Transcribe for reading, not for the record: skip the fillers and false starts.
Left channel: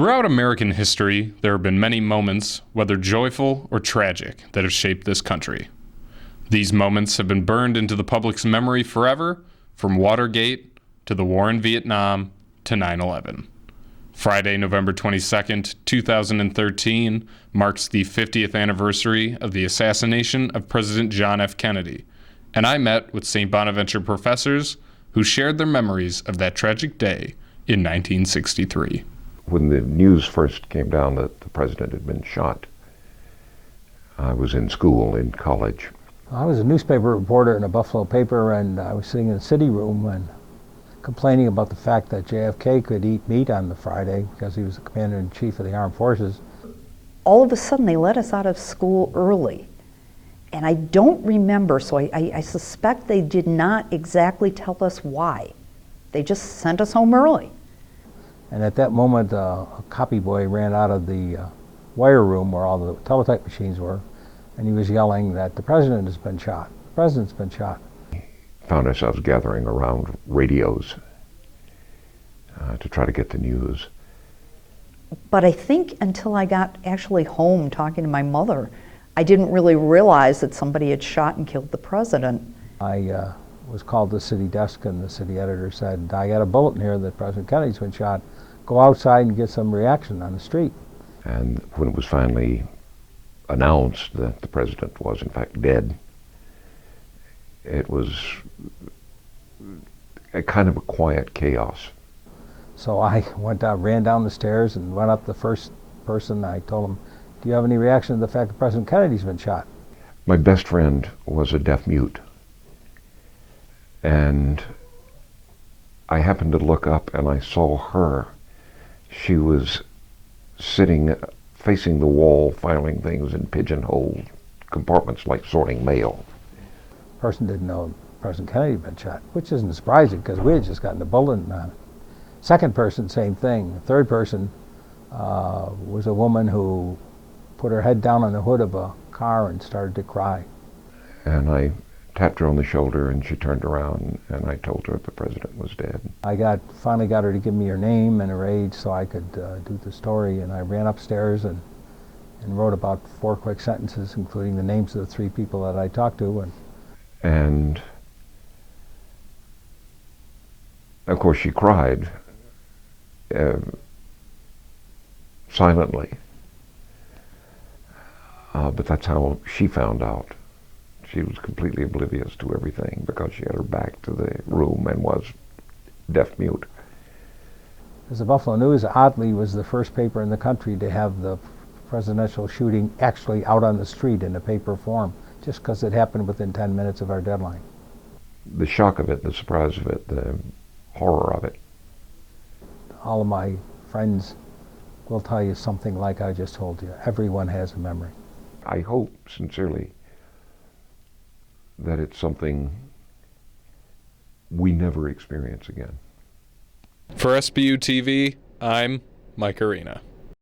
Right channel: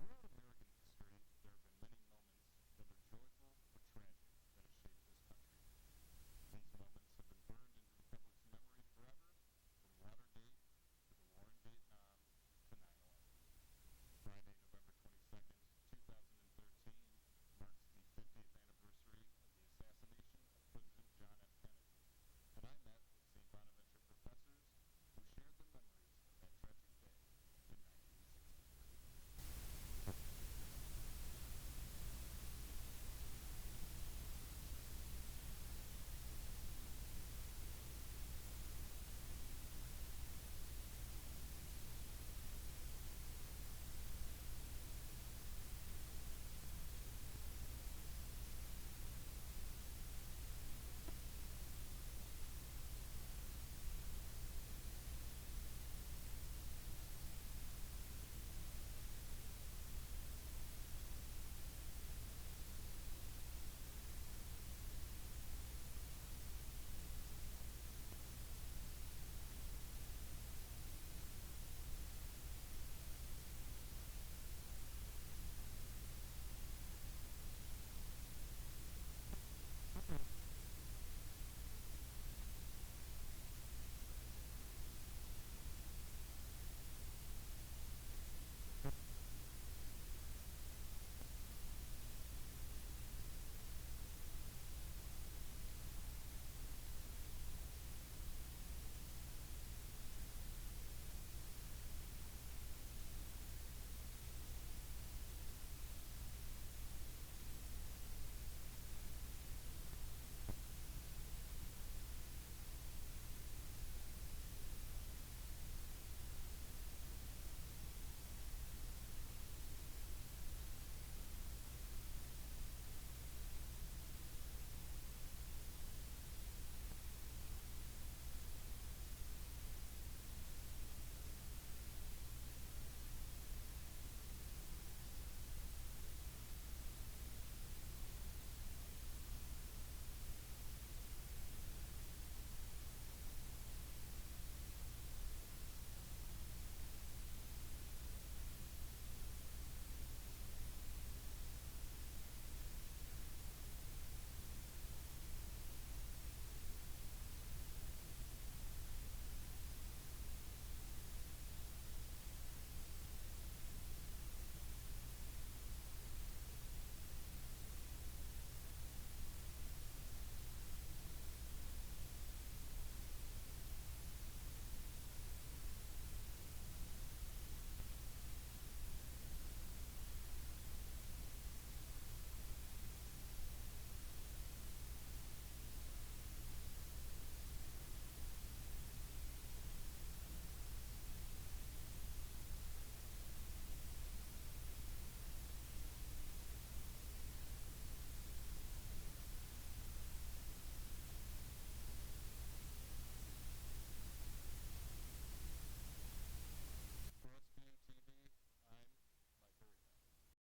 Throughout American history, there have been many moments, whether joyful or tragic, that have shaped this country. These moments have been burned into the public's memory forever, from Watergate to the war in Vietnam to 9/11. Friday, November 22nd, 2013, marks the 50th anniversary of the assassination of President John F. Kennedy, and I met with St. Bonaventure professors who shared their memories of that tragic day in 1963. When the news first came down that the president had been shot, I was in school, in college. I was a newspaper reporter in a Buffalo paper, and I was sitting in the city room and complaining about the fact that JFK could eat meat on the Friday because he was the commander-in-chief of the armed forces. All of a sudden, they let us out of school early. And I don't remember, so I suspect they did not exactly tell us why. They just sent us home early. And at that moment, a copy boy ran out of the wire room where all the teletype machines were, and he was yelling that the president has been shot. The president's been shot. Found ourselves gathering around radios to try to get the news. But I think until I got actually home talking to my mother, I didn't really realize that somebody had shot and killed the president. I was called to the city desk, and the city editor said, I got a bulletin here that President Kennedy's been shot. Go outside and get some reaction on the street. And when it was finally announced that the president was in fact dead, it was a kind of a quiet chaos. So I went out, ran down the stairs and went up to the first person. I told him, do you have any reaction to the fact that President Kennedy's been shot? My best friend was a deaf mute, and I happened to look up and I saw her. She was sitting facing the wall, filing things in pigeonhole compartments like sorting mail. The person didn't know President Kennedy had been shot, which isn't surprising because we had just gotten the bulletin on it. Second person, same thing. The third person was a woman who put her head down on the hood of a car and started to cry. And I tapped her on the shoulder, and she turned around, and I told her the president was dead. I finally got her to give me her name and her age so I could do the story, and I ran upstairs and wrote about 4 quick sentences, including the names of the 3 people that I talked to. And of course she cried silently, but that's how she found out. She was completely oblivious to everything because she had her back to the room and was deaf-mute. As the Buffalo News, oddly, was the first paper in the country to have the presidential shooting actually out on the street in a paper form, just because it happened within 10 minutes of our deadline. The shock of it, the surprise of it, the horror of it. All of my friends will tell you something like I just told you. Everyone has a memory. I hope, sincerely, that it's something we never experience again. For SBU TV, I'm Mike Arena.